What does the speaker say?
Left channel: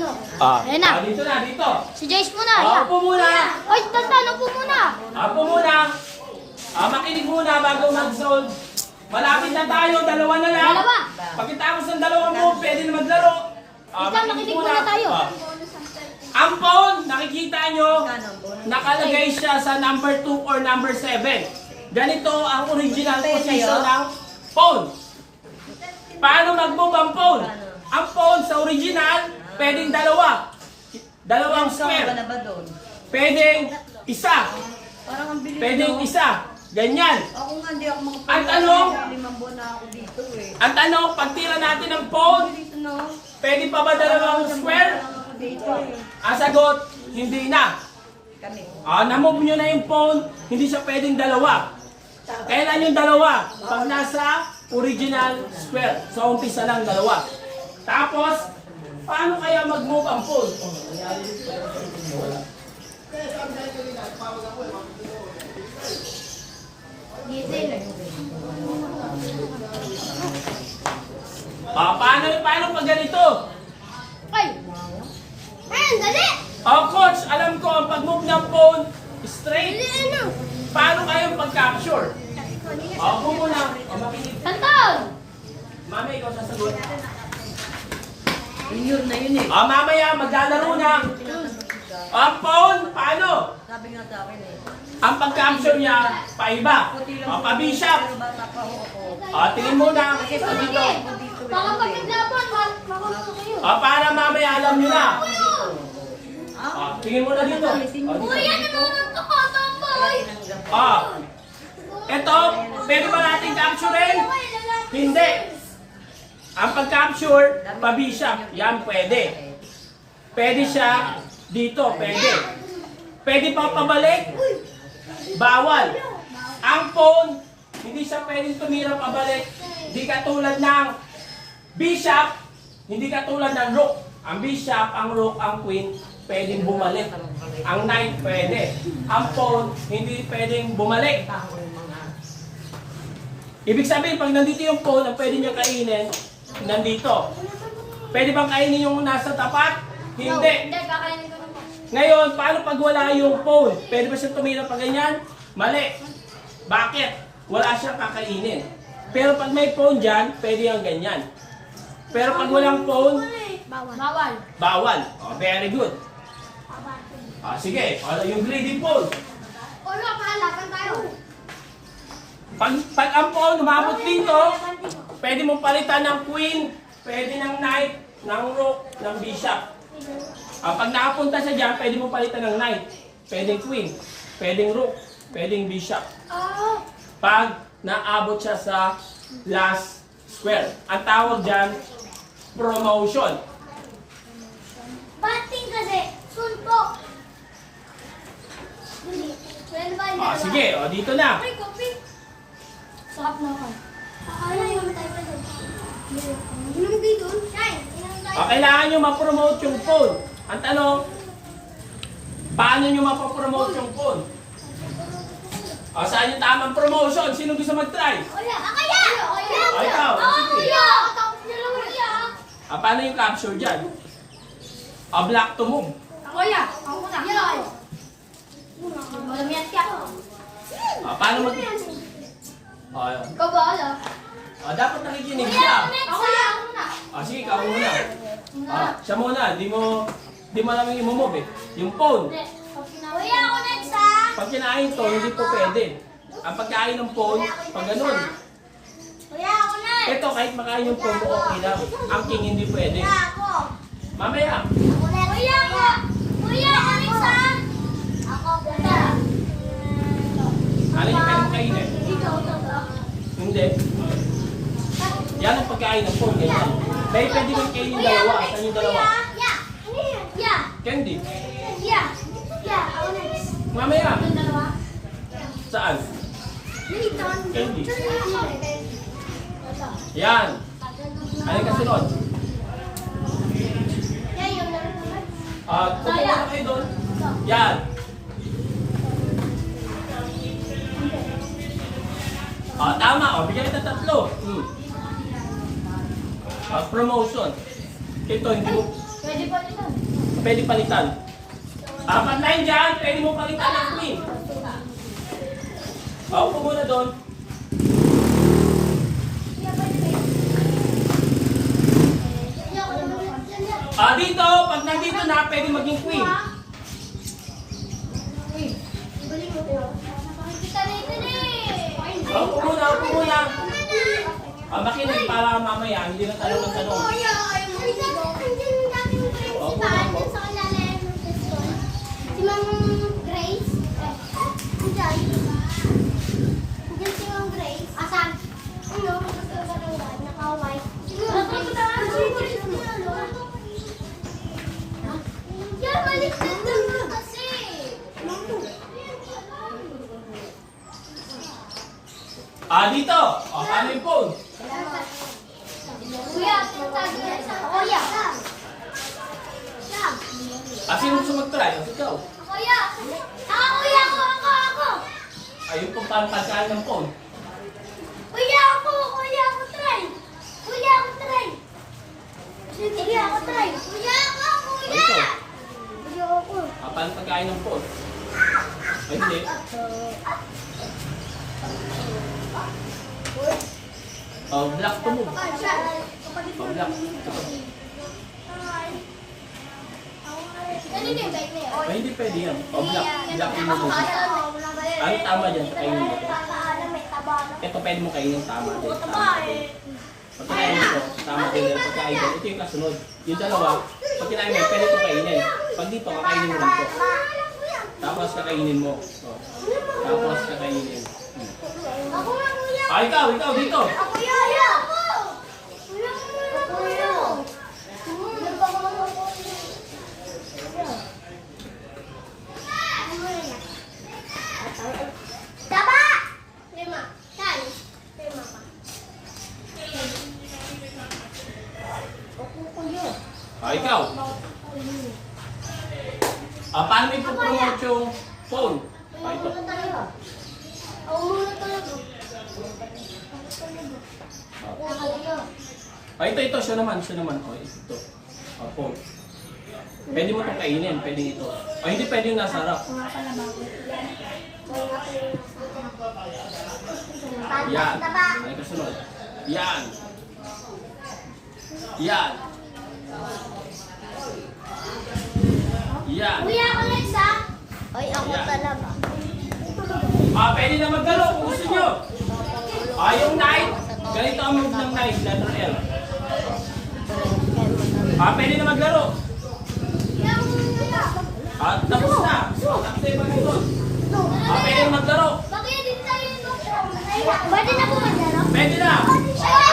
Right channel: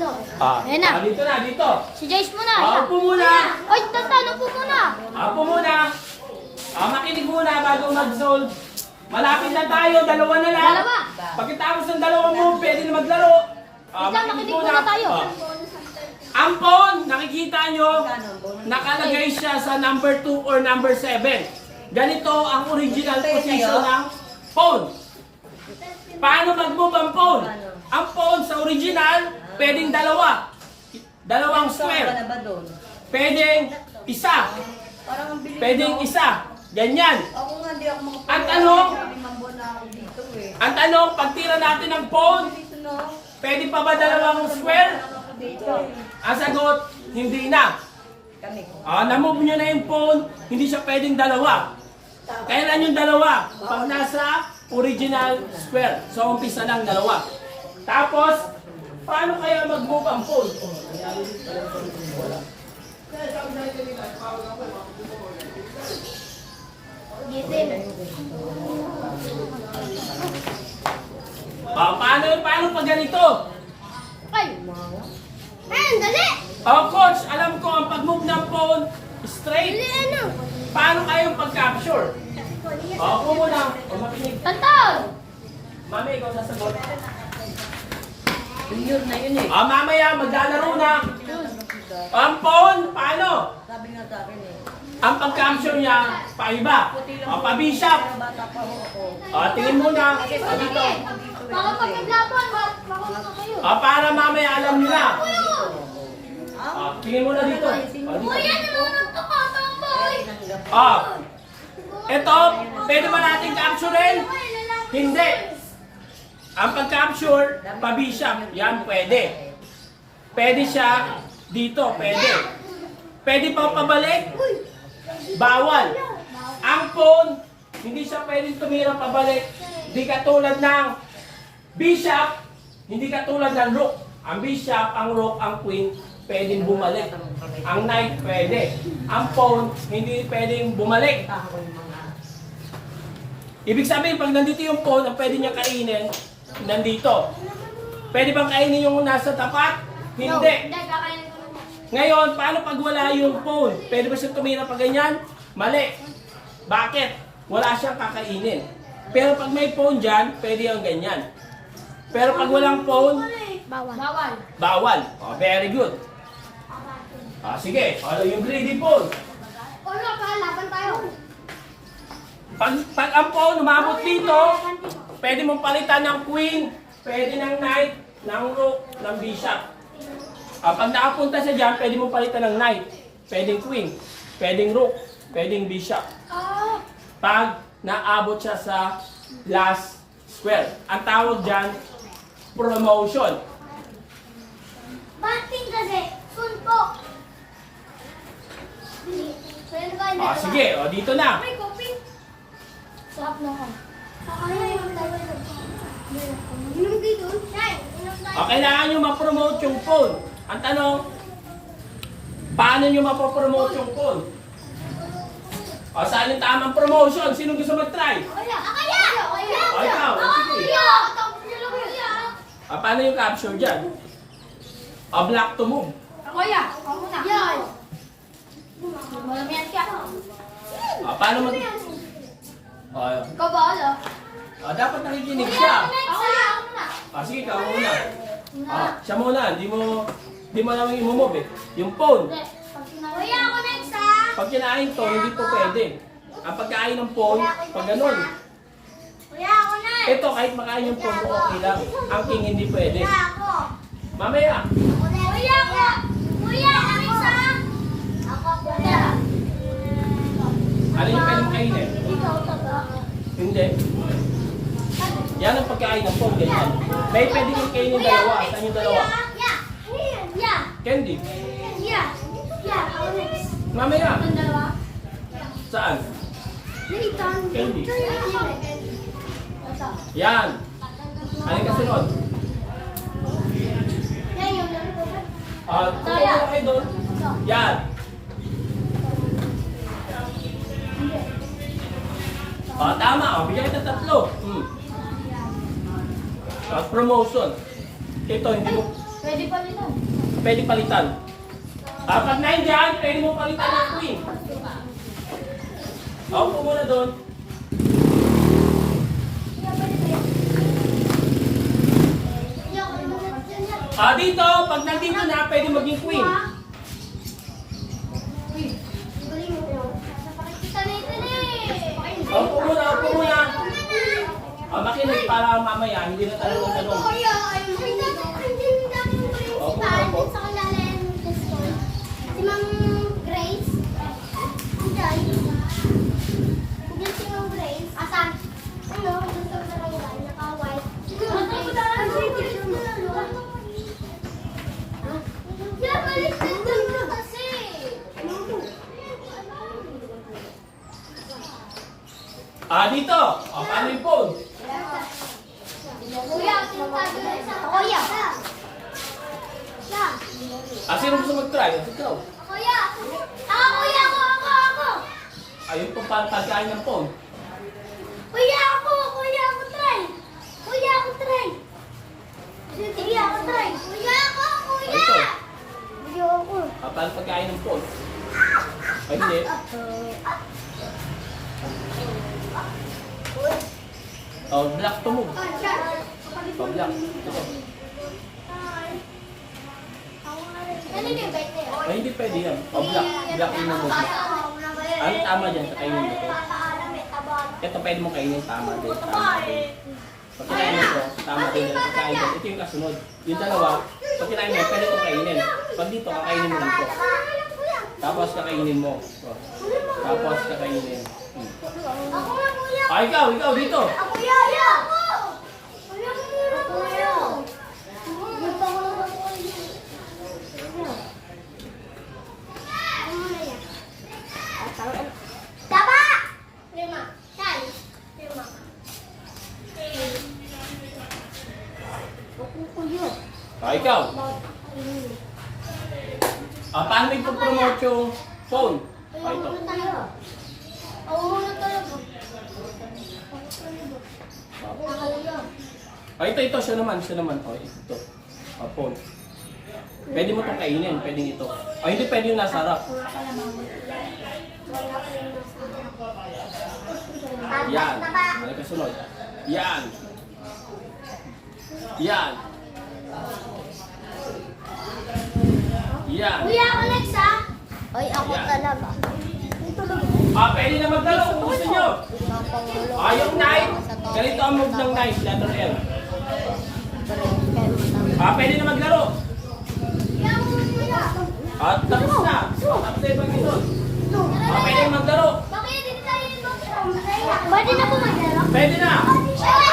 Sino? Ah, Ayan na. dito na, dito. Si Jace muna. Ah, upo muna. Oy, tanong po muna. Upo muna. Makinig muna bago mag-solve. Malapit na tayo, dalawa na lang. Dalawa. Pagkatapos ng dalawang mo, pwede na maglaro. Ikaw, makinig muna tayo. Ang phone, nakikita nyo, nakalagay siya sa number 2 or number 7. Ganito ang original position ng phone. Paano mag-move ang phone? Ang phone sa original, pwedeng dalawa. Dalawang square. Pwedeng isa. Pwedeng isa. Ganyan. Ako nga, hindi ako makapag- Ang tanong, 5 buwan na ako dito eh. ang tanong, pagtira natin ng phone, Dito no? pwede pa ba dalawang square? Ako dito. Ang sagot, hindi na. Kami. Na-move nyo na yung phone, hindi siya pwedeng dalawa. Kailan yung dalawa? Pag nasa original square. So, umpisa lang dalawa. Tapos, paano kaya mag-move ang phone? Paano pag ganito? Ay! Ayan, dali! Coach, alam ko ang pag-move ng phone, straight. Dali, ano? Paano kayo pag-capture? Upo muna. Makinig. Tanton! Mami, ikaw sasagot. Yun na yun eh. Mamaya, maglalaro na. Ang phone, paano? Sabi nga sa akin eh. Ang pag-capture niya, paiba. Pa-bishop. Pero bata pa ako. Tingin muna. Dito. Baka pagkaglaban, makunod ko kayo. Para mamaya alam niyo na. Tingin muna dito. Kuya, nanonood ako, tomboy! Ito, pwede ba natin capturein? Hindi. Ang pag-capture, pa-bishop. Yan, pwede. Pwede siya dito, pwede. Pwede pa pabalik? Bawal. Ang phone, hindi siya pwedeng tumira pabalik. Hindi katulad ng bishop, hindi katulad ng rook. Ang bishop, ang rook, ang queen, pwedeng bumalik. Ang knight, pwede. Ang phone, hindi pwedeng bumalik. Ibig sabihin, pag nandito yung phone, ang pwede niya kainin, nandito. Pwede bang kainin yung nasa tapat? Hindi. Hindi, kakainin ko naman. Ngayon, paano pag wala yung phone? Pwede ba siyang tumira pa ganyan? Mali. Bakit? Wala siyang kakainin. Pero pag may phone dyan, pwede yung ganyan. Pero pag walang phone, Bawal. Bawal. bawal. Very good. Sige. Ano yung greedy phone? Ano, pahalapan tayo. Pag ang phone umabot dito, pwede mong palitan ng queen, pwede ng knight, ng rook, ng bishop. Pag nakapunta siya dyan, pwede mong palitan ng knight, pwedeng queen, pwedeng rook, pwedeng bishop. Pag naabot siya sa last square. Ang tawag dyan, promotion. Bating kasi, suntok. Sige, dito na. May kopi. Sarap naman. Kaya yung tayo. Yung dito. Kailangan nyo ma-promote yung phone. Ang tanong, paano nyo mapopromote yung phone? Saan yung tamang promotion? Sino gusto mag-try? Kaya! Kaya! Ikaw, sige. Paano yung capture dyan? Block to move. Ako ya! Ako muna! Yan! Malamiyan ka! Paano mag... Ikaw ba, ala? Dapat nakikinig siya. Ako ya! Ako muna! Sige, ikaw muna. Siya muna, di mo lang yung move eh. Yung phone. Kuya, ako next ha! Pag kinain to, hindi po pwede. Ang pagkain ng phone, pag ganun. Kuya, ako next! Ito, kahit makain yung phone, okay lang. Ang king hindi pwede. Kuya, ako! Mamaya. Ako next! Kuya, ako! Kuya, ako next ha! Ako, kuya! Alin yung pwedeng kainin? Ikaw, ito ba? Hindi. Yan ang pagkain ng phone, ganyan. May pwedeng kainin dalawa. Saan yung dalawa? Yeah! Candy. Yeah! Yeah! Ako next! Mamaya. Ang dalawa? Saan? Nathan! Candy. Ito. Yan. Alin ka sunod? Yan yung laro. Tutuwa kayo doon. Yan. Tama. Bigyan kita tatlo. Promotion. Ito, hindi mo Pwede pa din yan. Pwede palitan. Pag 9 dyan, pwede mo palitan ng queen. Upo muna doon. Dito, pag nandito na, pwede maging queen. Upo muna, upo muna. Makinig para mamaya, hindi na tanong ng tanong. Si Ma'am Grace. Diyan. Diyan si Ma'am Grace. Asan? Ano? Gusto ko sa kanya. Naka-white. Yeah, balik ka doon mo kasi. Dito. Paano yung phone? Kuya, tinatago na sa... Kuya. Yan. Sino gusto mag-try? Ikaw. Kuya. Kuya, ako. Ayun po paano pagkain ng phone. Kuya, ako try. Kuya, ako try. Kuya, ako try. Kuya, ako. Ikaw. Kuya, ako. Paano pagkain ng phone? Ay, hindi. Black to move. Black. Ito. Ano yung bait na yun? Ay, hindi pwede yan. Black. Black yung move. Ang tama dyan sa kainin mo. Ito pwede mo kainin tama din. Tama din. Pag kinain mo ito, tama din yung pagkain din. Ito yung kasunod. Yung dalawa, pag kinain mo, pwede ito kainin. Pag dito, kakainin mo dito. Tapos kakainin mo. Tapos kakainin. Ako nga, kuya. Ikaw dito. Ako yaya! Kuya, kuya. Nagpakulang ako. Taba! Lima. Yan. Lima ka. Ako kuya. Ikaw. Paano mo ito-promote yung phone? Ito. Ako muna talaga. Ito. Siya naman. Ito. Phone. Pwede mo itong kainin. Pwede ito. Hindi pwede yung nasa harap. Yan. Ano kasunod? Yan. Yan. Yan. Kuya, ako next ha? Ay, ako talaga. Pwede na magdalo kung gusto nyo. Yung knife. Ganito ang move ng knife. Letter L. Pwede na maglaro. Kuya, ako muna. Tapos na. Tapos na yung pag-inon. Pwede na maglaro. Bakit hindi tayo yung Pwede na po maglaro? Pwede na. Ay,